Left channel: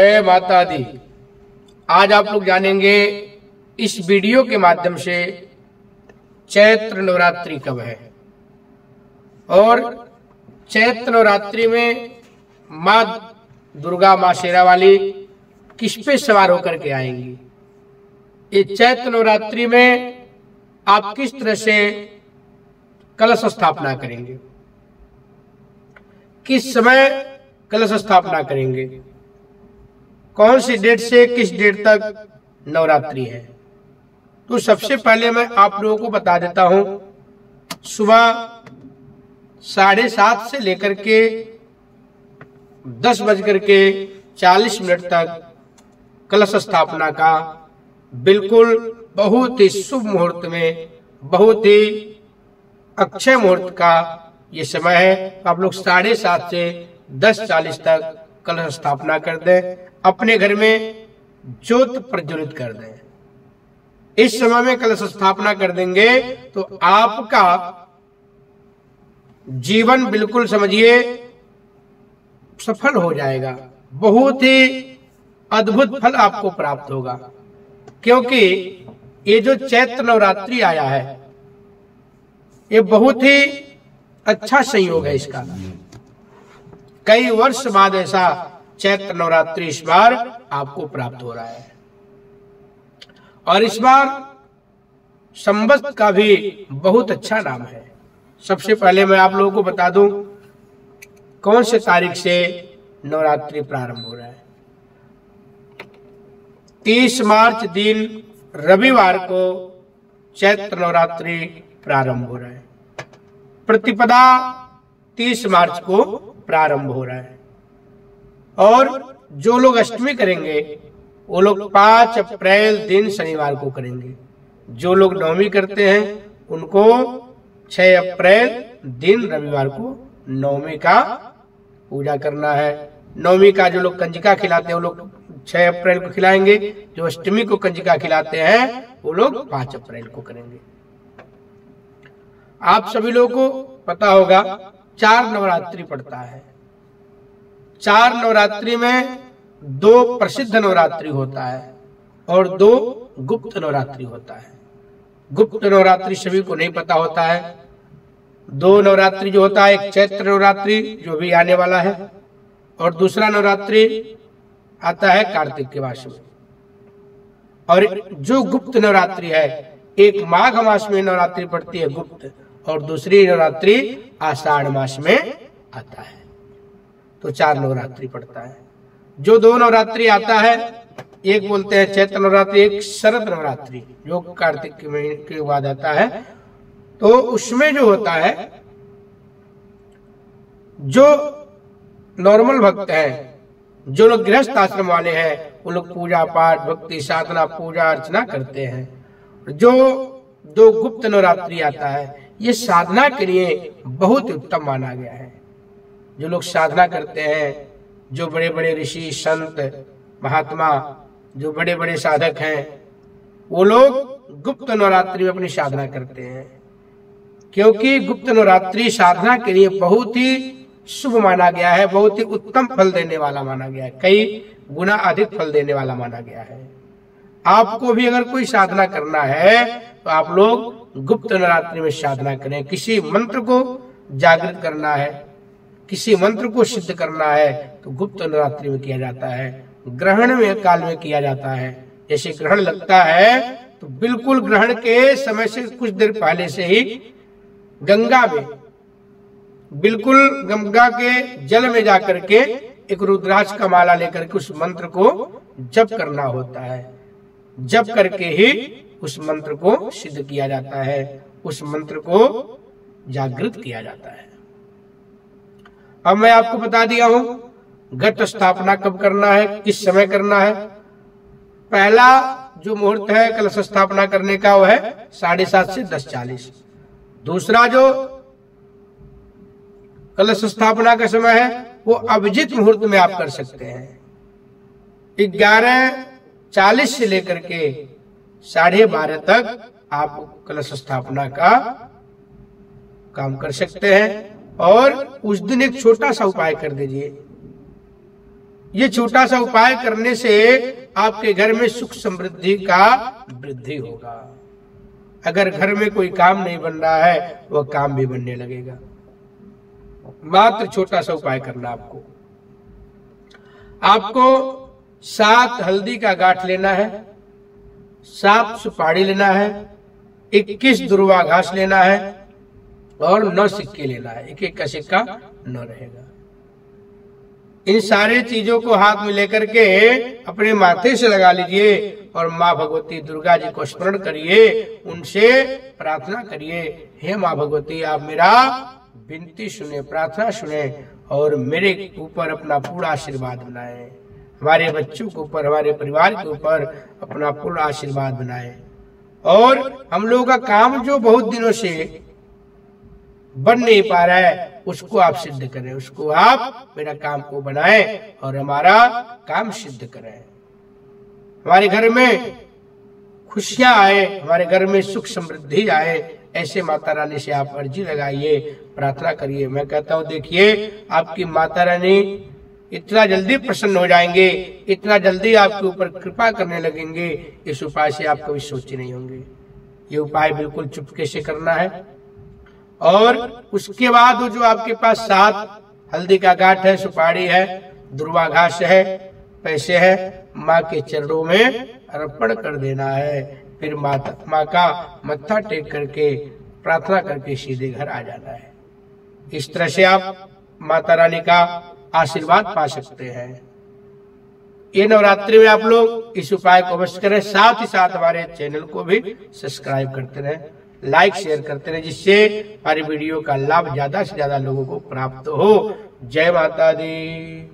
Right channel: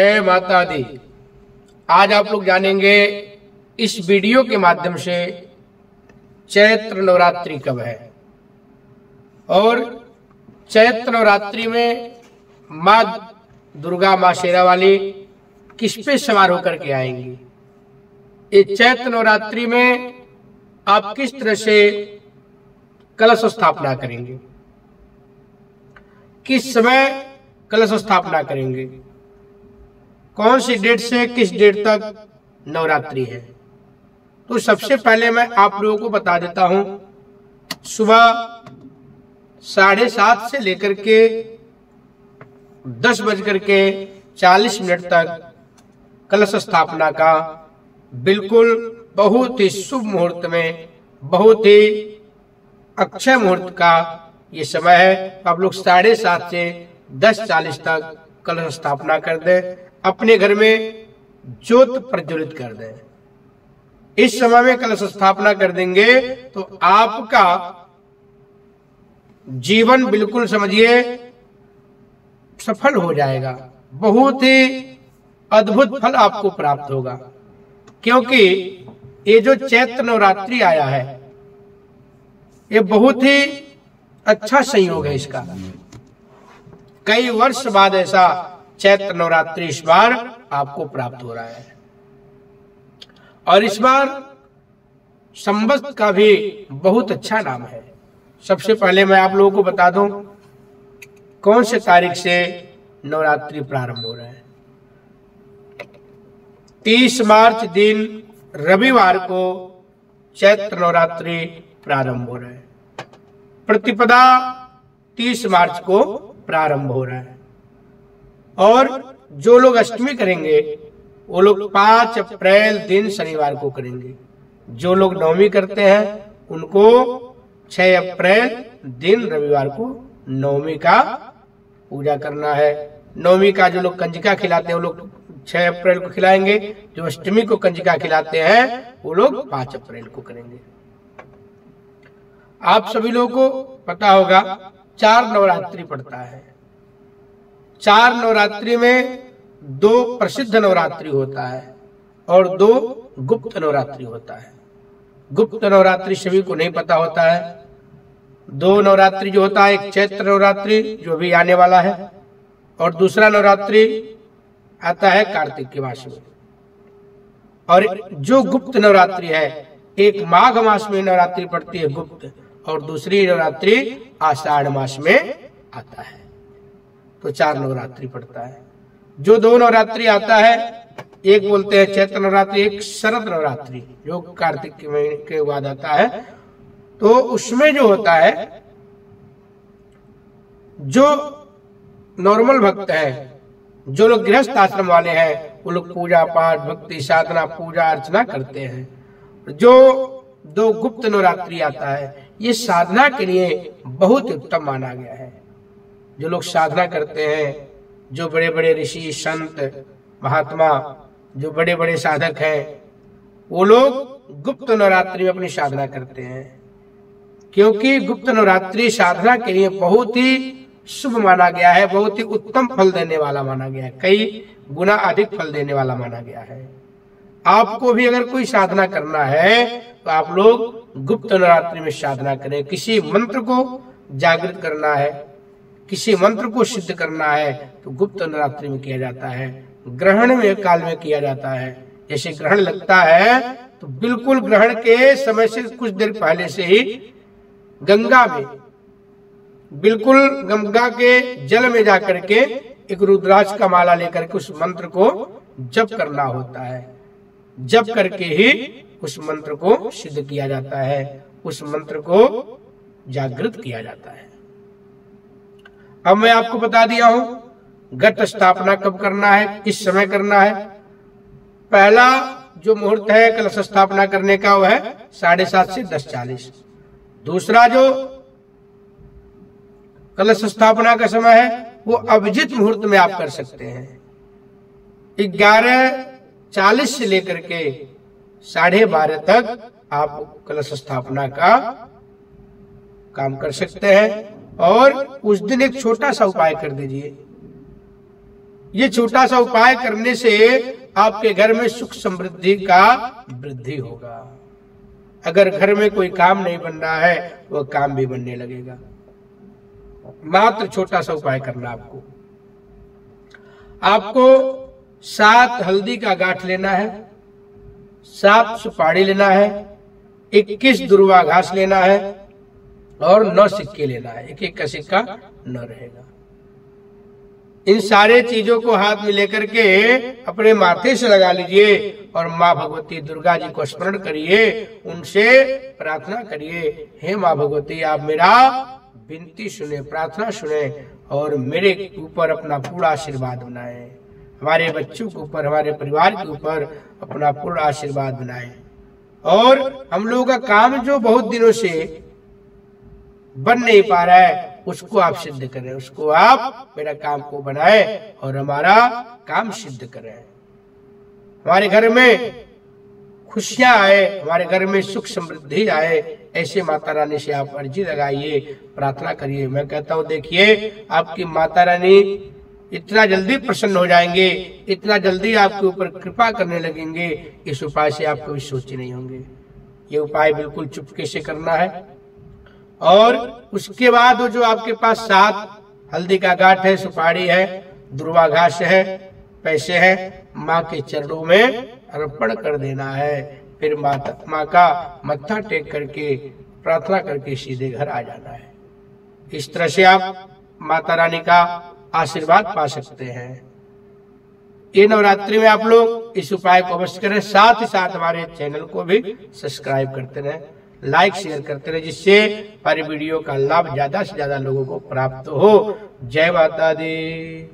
जय माता दी। आज आप लोग जानेंगे इस वीडियो के माध्यम से चैत्र नवरात्रि कब है और चैत्र नवरात्रि में माँ दुर्गा, माँ शेरा वाली किस पे सवार होकर के आएंगी। ये चैत्र नवरात्रि में आप किस तरह से कलश स्थापना करेंगे, किस समय कलश स्थापना करेंगे, कौन सी डेट से किस डेट तक नवरात्रि है। तो सबसे पहले मैं आप लोगों को बता देता हूं, सुबह 7:30 से लेकर के 10:40 तक कलश स्थापना का बिल्कुल बहुत ही शुभ मुहूर्त में, बहुत ही अक्षय मुहूर्त का ये समय है। आप लोग 7:30 से 10:40 तक कलश स्थापना कर दें, अपने घर में ज्योत प्रज्वलित कर दें। इस समय में कलश स्थापना कर देंगे तो आपका जीवन बिल्कुल समझिए सफल हो जाएगा, बहुत ही अद्भुत फल आपको प्राप्त होगा। क्योंकि ये जो चैत्र नवरात्रि आया है ये बहुत ही अच्छा संयोग है इसका। कई वर्ष बाद ऐसा चैत्र नवरात्रि इस बार आपको प्राप्त हो रहा है। और इस बार संवत्सर का भी बहुत अच्छा नाम है। सबसे पहले मैं आप लोगों को बता दूं कौन से तारीख से नवरात्रि प्रारंभ हो रहा है। 30 मार्च दिन रविवार को चैत्र नवरात्रि प्रारंभ हो रहा है। प्रतिपदा 30 मार्च को प्रारंभ हो रहा है। और जो लोग अष्टमी करेंगे वो लोग 5 अप्रैल दिन शनिवार को करेंगे। जो लोग नवमी करते हैं उनको 6 अप्रैल दिन रविवार को नवमी का पूजा करना है। नवमी का जो लोग कंजका खिलाते हैं वो लोग 6 अप्रैल को खिलाएंगे। जो अष्टमी को कंजका खिलाते हैं वो लोग 5 अप्रैल को करेंगे। आप सभी लोगों को पता होगा 4 नवरात्रि पड़ता है। 4 नवरात्रि में 2 प्रसिद्ध नवरात्रि होता है और 2 गुप्त नवरात्रि होता है। गुप्त नवरात्रि सभी को नहीं पता होता है। 2 नवरात्रि जो होता है, एक चैत्र नवरात्रि जो भी आने वाला है और दूसरा नवरात्रि आता है कार्तिक के मास में। और जो गुप्त नवरात्रि है, एक माघ मास में नवरात्रि पड़ती है गुप्त, और दूसरी नवरात्रि आषाढ़ मास में आता है। तो 4 नवरात्रि पड़ता है। जो 2 नवरात्रि आता है, एक बोलते हैं चैत्र नवरात्रि, एक शरद नवरात्रि जो कार्तिक के महीने के बाद आता है। तो उसमें जो होता है, जो नॉर्मल भक्त है, जो लोग गृहस्थ आश्रम वाले हैं, वो लोग पूजा पाठ, भक्ति, साधना, पूजा अर्चना करते हैं। जो 2 गुप्त नवरात्रि आता है, ये साधना के लिए बहुत ही उत्तम माना गया है। जो लोग साधना करते हैं, जो बड़े बड़े ऋषि, संत, महात्मा, जो बड़े बड़े साधक हैं, वो लोग गुप्त नवरात्रि में अपनी साधना करते हैं। क्योंकि गुप्त नवरात्रि साधना के लिए बहुत ही शुभ माना गया है, बहुत ही उत्तम फल देने वाला माना गया है, कई गुना अधिक फल देने वाला माना गया है। आपको भी अगर कोई साधना करना है तो आप लोग गुप्त नवरात्रि में साधना करें। किसी मंत्र को जागृत करना है, किसी मंत्र को सिद्ध करना है तो गुप्त नवरात्रि में किया जाता है। ग्रहण में काल में किया जाता है। जैसे ग्रहण लगता है तो बिल्कुल ग्रहण के समय से कुछ देर पहले से ही गंगा में, बिल्कुल गंगा के जल में जाकर के एक रुद्राक्ष का माला लेकर के उस मंत्र को जप करना होता है। जप करके ही उस मंत्र को सिद्ध किया जाता है, उस मंत्र को जागृत किया जाता है। अब मैं आपको बता दिया हूं घट स्थापना कब करना है, किस समय करना है। पहला जो मुहूर्त है कलश स्थापना करने का वो है 7:30 से 10:40। दूसरा जो कलश स्थापना का समय है वो अभिजित मुहूर्त में आप कर सकते हैं। 11:40 से लेकर के 12:30 तक आप कलश स्थापना का काम कर सकते हैं। और उस दिन एक छोटा सा उपाय कर दीजिए। ये छोटा सा उपाय करने से आपके घर में सुख समृद्धि का वृद्धि होगा। अगर घर में कोई काम नहीं बन रहा है, वह काम भी बनने लगेगा। मात्र छोटा सा उपाय करना आपको 7 हल्दी का गांठ लेना है, 7 सुपारी लेना है, 21 दुर्वा घास लेना है और 9 सिक्के लेना है। एक एक का सिक्का 9 रहेगा। इन सारे चीजों को हाथ में लेकर के अपने माथे से लगा लीजिए और माँ भगवती दुर्गा जी को स्मरण करिए, उनसे प्रार्थना करिए, हे माँ भगवती आप मेरा विनती सुने, प्रार्थना सुने और मेरे ऊपर अपना पूरा आशीर्वाद बनाए, हमारे बच्चों के ऊपर, हमारे परिवार के ऊपर अपना पूरा आशीर्वाद बनाए। और हम लोगों का काम जो बहुत दिनों से बन नहीं पा रहा है, उसको आप सिद्ध करें, उसको आप मेरा काम को बनाएं और हमारा काम सिद्ध करें। हमारे घर में खुशियां आए, हमारे घर में सुख समृद्धि आए, ऐसे माता रानी से आप अर्जी लगाइए, प्रार्थना करिए। मैं कहता हूँ देखिए आपकी माता रानी इतना जल्दी प्रसन्न हो जाएंगे, इतना जल्दी आपके ऊपर कृपा करने लगेंगे, इस उपाय से आप कभी सोचे नहीं होंगे। ये उपाय बिल्कुल चुपके से करना है। और उसके बाद जो आपके पास 7 हल्दी का गांठ है, सुपारी है, दुर्वा घास है, पैसे है, माँ के चरणों में अर्पण कर देना है। फिर माँ का मत्था टेक करके प्रार्थना करके सीधे घर आ जाना है। इस तरह से आप माता रानी का आशीर्वाद पा सकते हैं। ये नवरात्रि में आप लोग इस उपाय को अवश्य करें, साथ ही साथ हमारे चैनल को भी सब्सक्राइब करते रहें, लाइक शेयर करते रहें, जिससे हमारी वीडियो का लाभ ज्यादा से ज्यादा लोगों को प्राप्त हो। जय माता दी।